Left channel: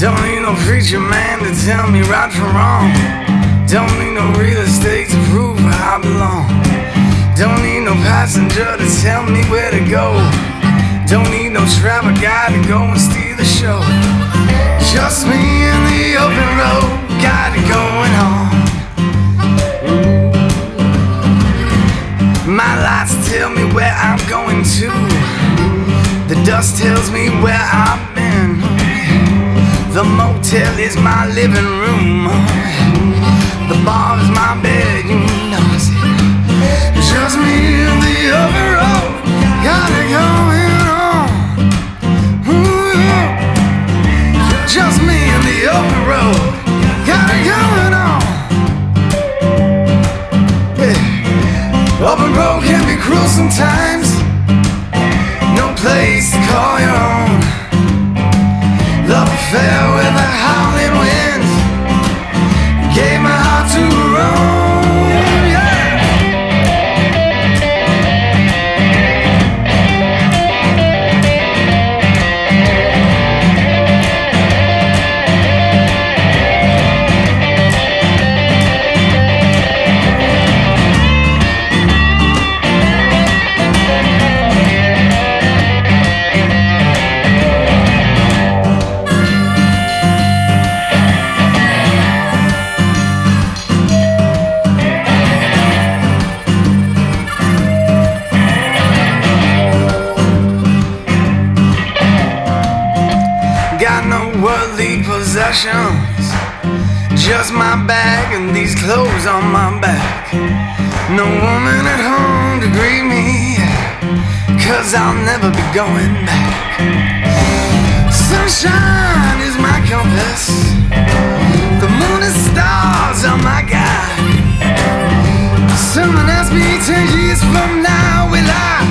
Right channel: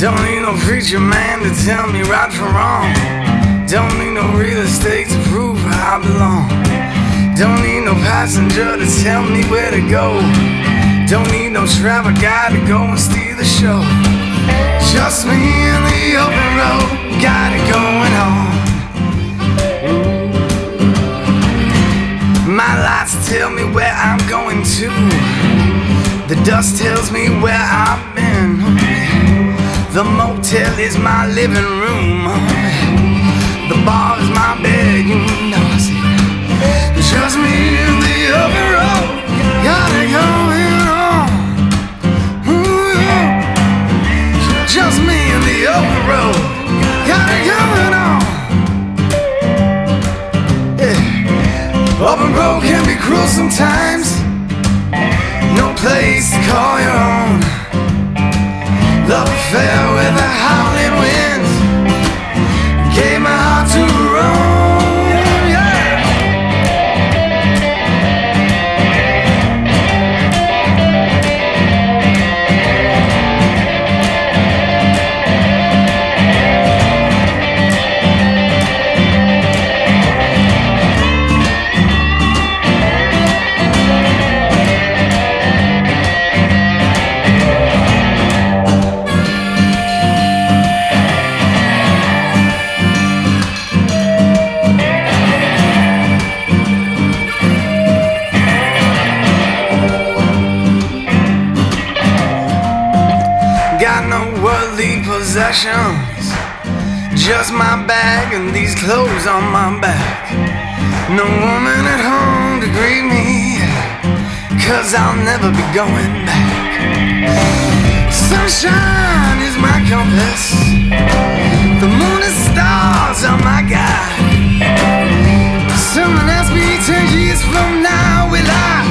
Don't need no preacher man to tell me right from wrong. Don't need no real estate to prove where I belong. Don't need no passenger to tell me where to go. Don't need no travel guide to go and steal the show. Just me in the open road, got it going on. My lights tell me where I'm going to. The dust tells me where I've been. The motel is my living room. The bar is my bed, you know I said. Just me in the open road, got it going on. Ooh, yeah. Just me in the open road, got it going on. Yeah. Open road can be cruel sometimes. No place to call your own. Love affair with the howling winds. Gave my heart to Rome, yeah. Got no worldly possessions, just my bag and these clothes on my back. No woman at home to greet me, 'cause I'll never be going back. Sunshine is my compass, the moon and stars are my guide. Someone asked me 10 years from now, will I